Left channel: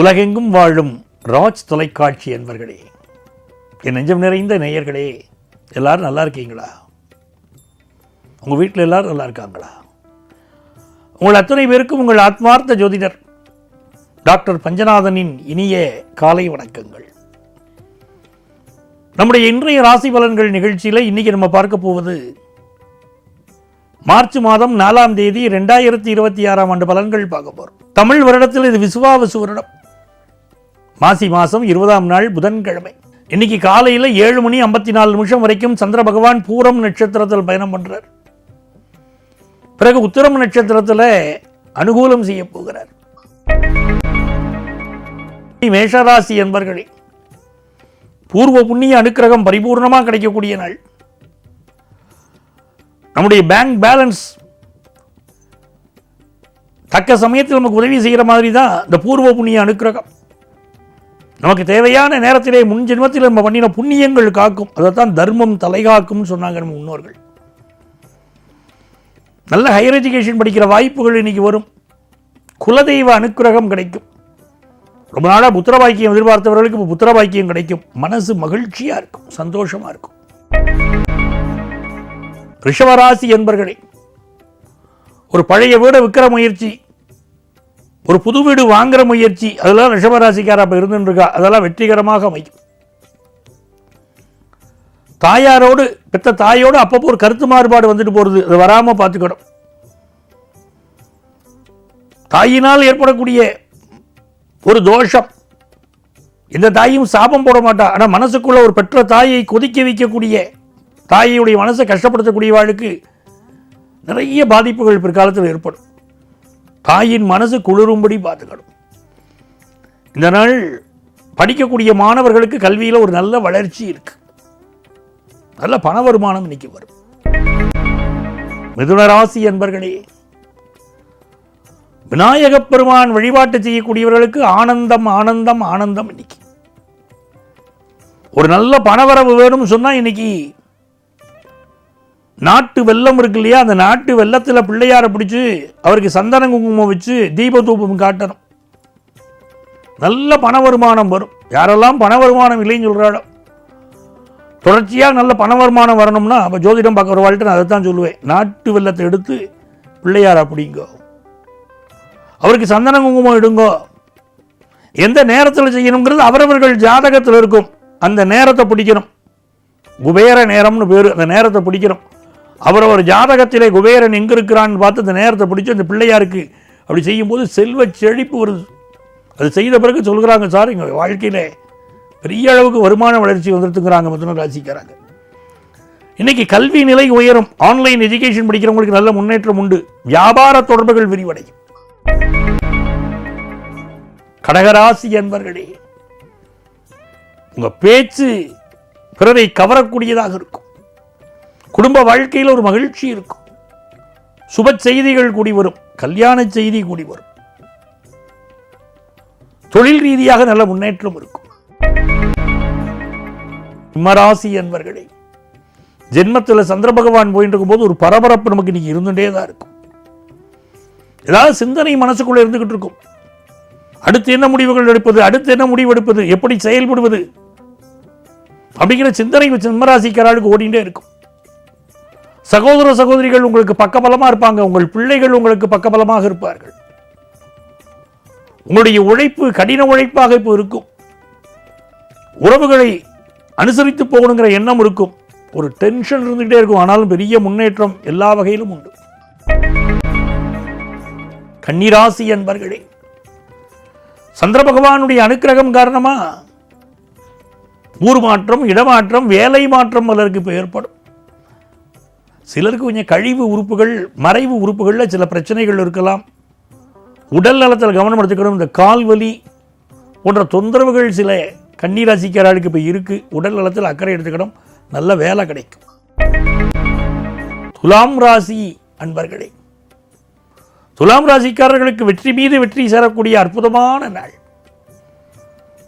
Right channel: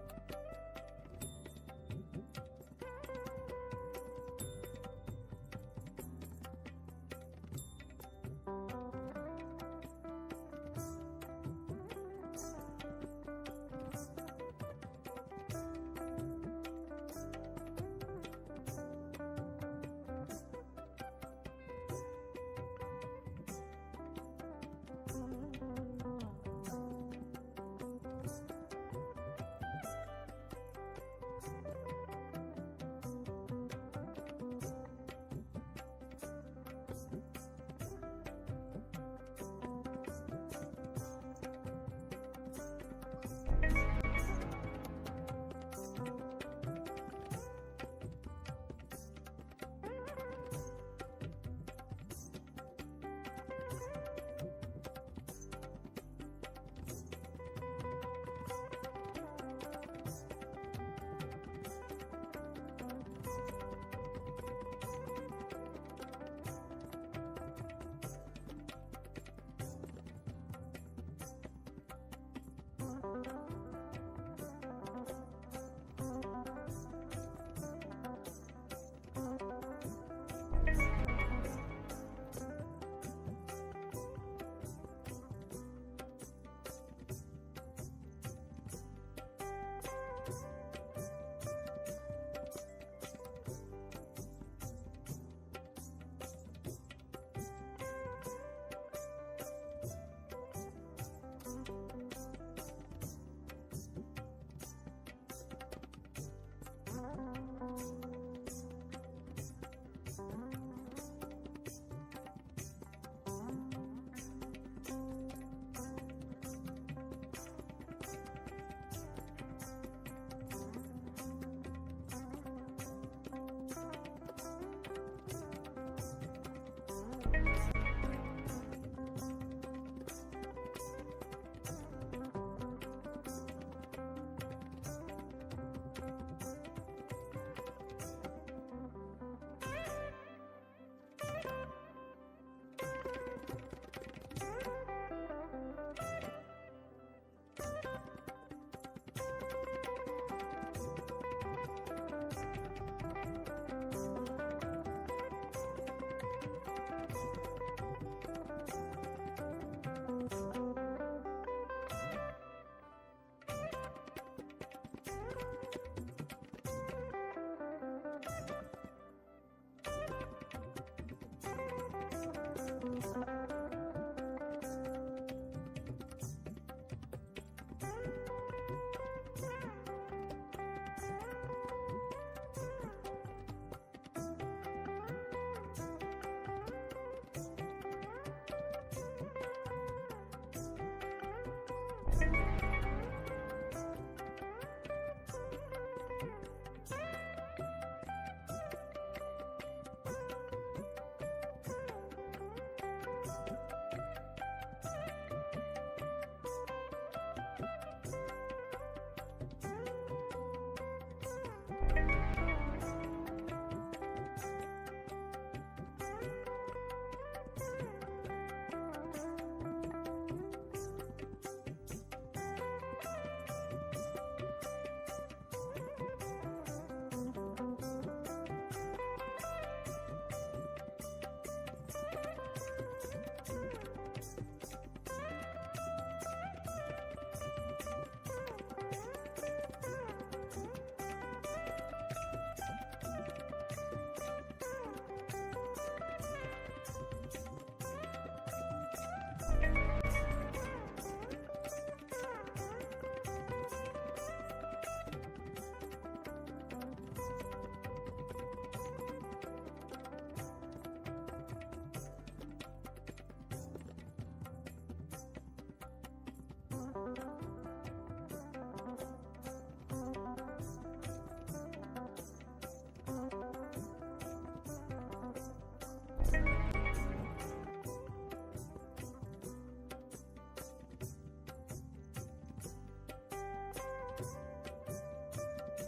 உலகெங்கும் வாழும் ராஜ் தொலைக்காட்சி என்பர்களே, என் நெஞ்சம் நிறைந்த நேயர்களே, எல்லாரும் நல்லா இருக்கீங்களா? உங்கள் வீட்டில் எல்லாரும் நல்லா இருக்காங்களா? உங்கள் அத்தனை பேருக்கும் உங்கள் ஆத்மார்த்த ஜோதிடர் டாக்டர் பஞ்சநாதனின் இனிய காலை வணக்கங்கள். நம்முடைய இன்றைய ராசி பலன்கள் நிகழ்ச்சியில் இன்னைக்கு நம்ம பார்க்க போவது மார்ச் மாதம் 4ஆம் தேதி 2026ஆம் ஆண்டு பலன்கள் பார்க்க போறோம். தமிழ் வருடத்தில் இது விசுவாவசு வருடம். மாசி மாதம் 20ஆம் நாள் புதன்கிழமை. இன்னைக்கு காலையில் 7:54 வரைக்கும் சந்திர பகவான் பூரம் நட்சத்திரத்தில் பயணம் பண்றார். பிறகு உத்திரம் நட்சத்திரத்தில் அனுகூலம் செய்ய போகிறார். மேஷராசி என்பர்களே, பூர்வ புண்ணிய அனுக்கிரகம் பரிபூர்ணமாக கிடைக்கக்கூடிய நாள். நம்முடைய பேங்க் பேலன்ஸ் தக்க சமயத்தில் நமக்கு உதவி செய்கிற மாதிரி தான் இந்த பூர்வ புண்ணிய அனுக்கிரகம். நமக்கு தேவையான நேரத்திலே முன் ஜென்மத்தில் நம்ம பண்ணின புண்ணியங்கள் காக்கும். அதைத்தான் தர்மம் தலைகாக்கும் சொன்னாங்க நம்ம முன்னோர்கள். நல்ல ஹையர் எஜுகேஷன் படிக்கிற வாய்ப்புகள் இன்னைக்கு வரும். குலதெய்வ அனுக்கிரகம் கிடைக்கும். ரொம்ப நாளாக புத்திர பாக்கியம் எதிர்பார்த்தவர்களுக்கு இப்போ புத்திர பாக்கியம் கிடைக்கும். மனசு மகிழ்ச்சியா இருக்கும், சந்தோஷமா இருக்கும். ரிஷபராசி என்பர்களே, ஒரு பழைய வீடை விற்கிற முயற்சி, ஒரு புது வீடு வாங்குற முயற்சி, அதெல்லாம் ரிஷபராசிக்காரா இப்போ இருந்துருக்கா, அதெல்லாம் வெற்றிகரமாக அமையும். தாயாரோடு பெற்ற தாயோடு அப்பப்போ ஒரு கருத்து மாறுபாடு வந்துட்டு போறது, அது வராம பார்த்துக்கணும். தாயினால் ஏற்படக்கூடிய ஒரு தோஷம், இந்த தாயும் சாபம் போட மாட்டா, ஆனால் மனசுக்குள்ள ஒரு பெற்ற தாயை கொதிக்க வைக்கக்கூடிய, தாயுடைய மனசை கஷ்டப்படுத்தக்கூடிய வாழ்க்கை நிறைய பாதிப்புகள் பிற்காலத்தில் ஏற்படும். தாயின் மனசு குளிரும்படி பார்த்துக்கணும். இந்த நாள் படிக்கக்கூடிய மாணவர்களுக்கு கல்வியில் ஒரு நல்ல வளர்ச்சி இருக்கு. நல்ல பண வருமானம் இன்னைக்கு வரும். மிதுன ராசி என்பர்களே, விநாயகப் பெருமான் வழிபாட்டு செய்யக்கூடியவர்களுக்கு ஆனந்தம் ஆனந்தம் ஆனந்தம். இன்னைக்கு ஒரு நல்ல பணவரவு வேணும்னு சொன்னா இன்னைக்கு நாட்டு வெல்லம் இருக்கு இல்லையா, அந்த நாட்டு வெல்லத்தில் பிள்ளையாரை பிடிச்சு அவருக்கு சந்தன குங்குமம் வச்சு தீப தூபம் காட்டணும். நல்ல பண வருமானம் வரும். யாரெல்லாம் பண வருமானம் இல்லைன்னு சொல்றாளோ, தொடர்ச்சியாக நல்ல பண வருமானம் வரணும்னா அப்போ ஜோதிடம் பார்க்க ஒரு வாழ்க்கை நான் அதை தான் சொல்லுவேன். நாட்டு வெல்லத்தை எடுத்து பிள்ளையார் அப்படிங்கோ, அவருக்கு சந்தன குங்குமம் எடுங்கோ. எந்த நேரத்தில் செய்யணுங்கிறது அவரவர்கள் ஜாதகத்தில் இருக்கும். அந்த நேரத்தை பிடிக்கணும். குபேர நேரம்னு பேர். அந்த நேரத்தை பிடிக்கணும். அவரவர் ஜாதகத்திலே குபேரன் எங்க இருக்கிறான்னு பார்த்து அந்த நேரத்தை பிடிச்சி அந்த பிள்ளையாருக்கு அப்படி செய்யும்போது செல்வ செழிப்பு வருது. அது செய்த பிறகு சொல்கிறாங்க, சார் எங்கள் வாழ்க்கையில பெரிய அளவுக்கு வருமான வளர்ச்சி வந்துருக்குறாங்க மிதுன ராசிக்காரங்க. இன்னைக்கு கல்வி நிலை உயரும். ஆன்லைன் எஜுகேஷன் படிக்கிறவங்களுக்கு நல்ல முன்னேற்றம் உண்டு. வியாபார தொடர்புகள் விரிவடையும். கடகராசி என்பர்களே, உங்க பேச்சு பிறரை கவரக்கூடியதாக இருக்கும். குடும்ப வாழ்க்கையில் ஒரு மகிழ்ச்சி இருக்கும். சுப செய்திகள் கூடி வரும். கல்யாண செய்தி கூடி வரும். தொழில் ரீதியாக நல்ல முன்னேற்றம் இருக்கும். சிம்மராசி என்பர்களே, ஜென்மத்தில் சந்திர பகவான் போயிட்டு இருக்கும்போது ஒரு பரபரப்பு நமக்கு இன்னைக்கு இருந்துட்டே தான் இருக்கும். ஏதாவது சிந்தனை மனசுக்குள்ள இருந்துகிட்டு இருக்கும். அடுத்து என்ன முடிவுகள் எடுப்பது, அடுத்து என்ன முடிவு எடுப்பது, எப்படி செயல்படுவது அப்படிங்கிற சிந்தனை சிம்மராசிக்காரர்களுக்கு ஓடிண்டே இருக்கும். சகோதர சகோதரிகள் உங்களுக்கு பக்கபலமா இருப்பாங்க. உங்கள் பிள்ளைகள் உங்களுக்கு பக்கபலமாக இருப்பார்கள். உங்களுடைய உழைப்பு கடின உழைப்பாக இப்போ இருக்கும். உறவுகளை அனுசரித்து போகணுங்கிற எண்ணம் இருக்கும். ஒரு டென்ஷன் இருந்துகிட்டே இருக்கும். ஆனாலும் பெரிய முன்னேற்றம் எல்லா வகையிலும் உண்டு. கன்னிராசி என்பர்களே, சந்திர பகவானுடைய அனுக்கிரகம் காரணமா ஊர் மாற்றம், இடமாற்றம், வேலை மாற்றம் பலருக்கு இப்போ ஏற்படும். சிலருக்கு கொஞ்சம் கழிவு உறுப்புகள், மறைவு உறுப்புகளில் சில பிரச்சனைகள் இருக்கலாம். உடல் நலத்தில் கவனம் எடுத்துக்கணும். இந்த கால்வலி போன்ற தொந்தரவுகள் சில கன்னிராசிக்காரர்களுக்கு இப்போ இருக்கு. உடல் நலத்தில் அக்கறை எடுத்துக்கணும். நல்ல வேலை கிடைக்கும். துலாம் ராசி அன்பர்களே, துலாம் ராசிக்காரர்களுக்கு வெற்றி மீது வெற்றி சேரக்கூடிய அற்புதமான நாள்.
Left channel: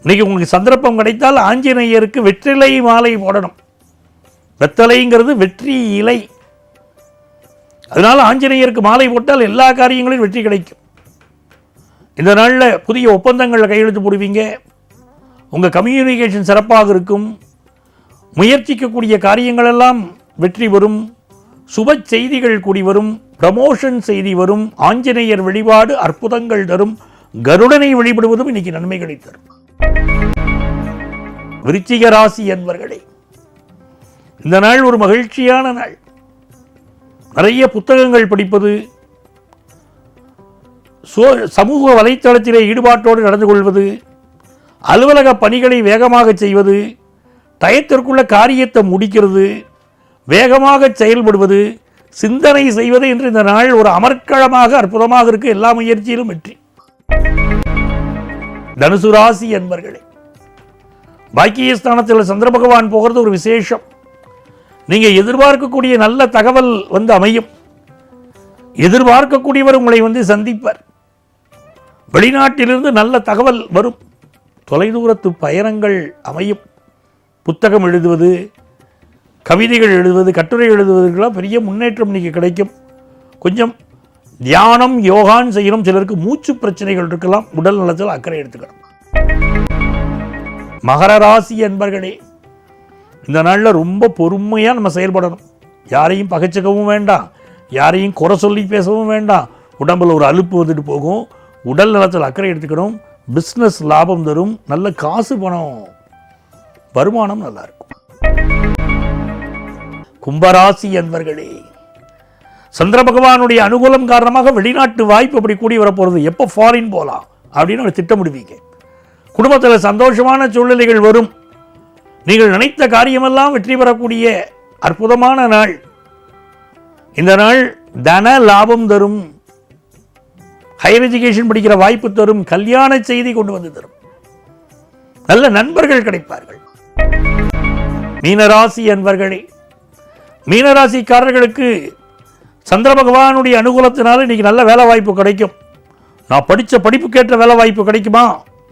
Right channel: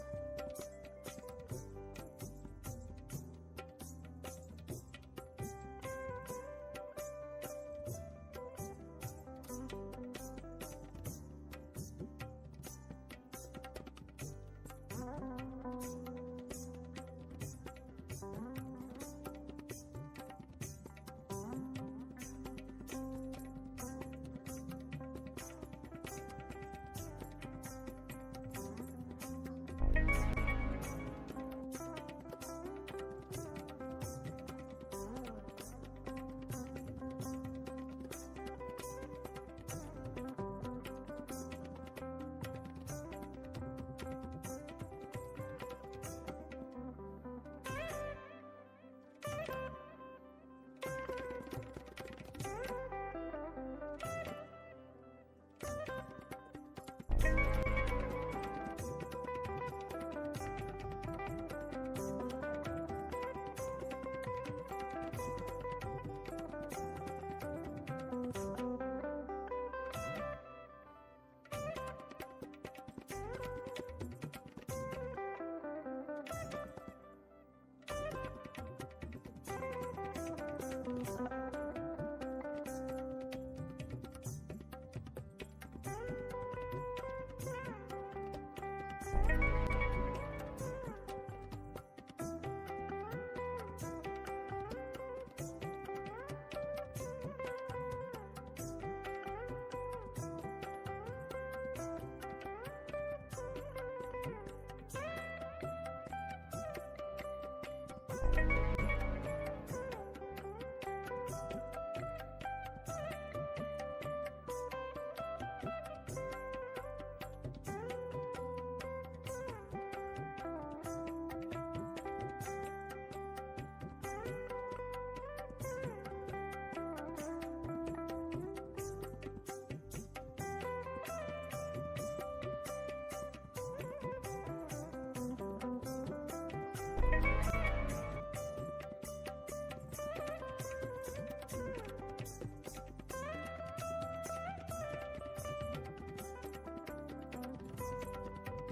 இன்னைக்கு உங்களுக்கு சந்தர்ப்பம் கிடைத்தால் ஆஞ்சநேயருக்கு வெற்றிலை மாலை போடணும். வெத்தலைங்கிறது வெற்றி இலை. அதனால ஆஞ்சநேயருக்கு மாலை போட்டால் எல்லா காரியங்களிலும் வெற்றி கிடைக்கும். இந்த நாளில் புதிய ஒப்பந்தங்களில் கையெழுத்து போடுவீங்க. உங்கள் கம்யூனிகேஷன் சிறப்பாக இருக்கும். முயற்சிக்கக்கூடிய காரியங்களெல்லாம் வெற்றி வரும். சுப செய்திகள் கூடி வரும். ப்ரமோஷன் செய்தி வரும். ஆஞ்சநேயர் வழிபாடு அற்புதங்கள் தரும். கருடனை வழிபடுவதும் இன்னைக்கு நன்மைகளை தரும். விருச்சிக ராசி என்பர்களே, இந்த நாள் ஒரு மகிழ்ச்சியான நாள். நிறைய புத்தகங்கள் படிப்பது, சமூக வலைத்தளத்திலே ஈடுபாட்டோடு நடந்து கொள்வது, அலுவலக பணிகளை வேகமாக செய்வது, டயத்திற்குள்ள காரியத்தை முடிக்கிறது, வேகமாக செயல்படுவது, சிந்தனை செய்வது என்று இந்த நாள் ஒரு அமர்க்களமாக அற்புதமாக இருக்கு. எல்லா முயற்சியிலும் வெற்றி. தனுசு ராசி என்பர்களே, பாக்கியஸ்தானத்தில் சந்திர பகவான் போகிறது ஒரு விசேஷம். நீங்க எதிர்பார்க்கக்கூடிய நல்ல தகவல் வந்து அமையும். எதிர்பார்க்கக்கூடியவர் உங்களை சந்திப்பார். வெளிநாட்டிலிருந்து நல்ல தகவல் வரும். தொலைதூரத்து பயணங்கள் அமையும். புத்தகம் எழுதுவது, கவிதைகள் எழுதுவது, கட்டுரை எழுதுவதற்கெல்லாம் பெரிய முன்னேற்றம் இன்னைக்கு கிடைக்கும். கொஞ்சம் தியானம் யோகான்னு செய்யணும். சிலருக்கு மூச்சு பிரச்சனைகள் இருக்கலாம். உடல் நலத்தில் அக்கறை எடுத்துக்கணும். மகர ராசி என்பர்களே, இந்த நாளில் ரொம்ப பொறுமையாக நம்ம செயல்படணும். யாரையும் பகைச்சிக்கவும் வேண்டாம், யாரையும் குறை சொல்லி பேசவும் வேண்டாம். உடம்புல ஒரு அலுப்பு வந்துட்டு போகும். உடல் நலத்தில் அக்கறை எடுத்துக்கணும். பிஸ்னஸ் லாபம் தரும். நல்ல காசு பணம் வருமானம் நல்லா இருக்கும். கும்பராசி என்பர்களே, சந்திர பகவானுடைய அனுகூலம் காரணமாக வெளிநாட்டு வாய்ப்பு அப்படி கூடி வரப்போகிறது. எப்போ ஃபாரின் போகலாம் அப்படின்னு ஒரு திட்டமிடுவீங்க. குடும்பத்தில் சந்தோஷமான சூழ்நிலைகள் வரும். நீங்கள் நினைத்த காரியமெல்லாம் வெற்றி பெறக்கூடிய அற்புதமான நாள். இந்த நாள் தன லாபம் தரும். ஹையர் எஜுகேஷன் படிக்கிற வாய்ப்பு தரும். கல்யாண செய்தி கொண்டு வந்து தரும். நல்ல நண்பர்கள் கிடைப்பார்கள். மீனராசி என்பர்களே, மீனராசிக்காரர்களுக்கு சந்திர பகவானுடைய அனுகூலத்தினால இன்னைக்கு நல்ல வேலை வாய்ப்பு கிடைக்கும். நான் படித்த படிப்புக்கேற்ற வேலை வாய்ப்பு கிடைக்குமா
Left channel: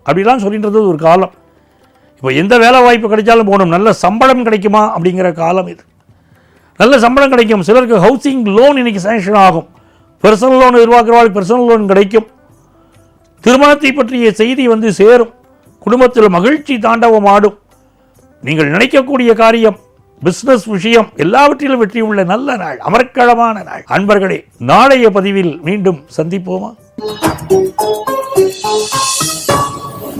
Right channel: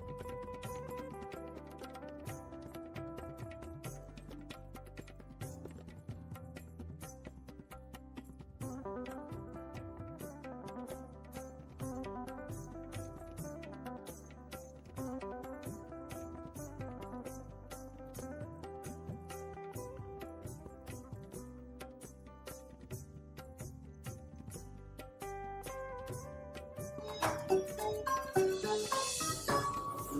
அப்படிலாம் சொல்லின்றது ஒரு காலம். இப்போ எந்த வேலை வாய்ப்பு கிடைச்சாலும் போகணும். நல்ல சம்பளம் கிடைக்குமா அப்படிங்கிற காலம் இது. நல்ல சம்பளம் கிடைக்கும். சிலருக்கு ஹவுசிங் லோன் இன்னைக்கு சேங்ஷன் ஆகும். பர்சனல் லோன் எதிர்பார்க்கிறவர்களுக்கு பர்சனல் லோன் கிடைக்கும். திருமணத்தை பற்றிய செய்தி சேரும். குடும்பத்தில் மகிழ்ச்சி தாண்டவம் ஆடும். நீங்கள் நினைக்கக்கூடிய காரியம், பிசினஸ் விஷயம் எல்லாவற்றிலும் வெற்றி உள்ள நல்ல நாள், அமர்க்களமான நாள். அன்பர்களே, நாளைய பதிவில் மீண்டும் சந்திப்போமா?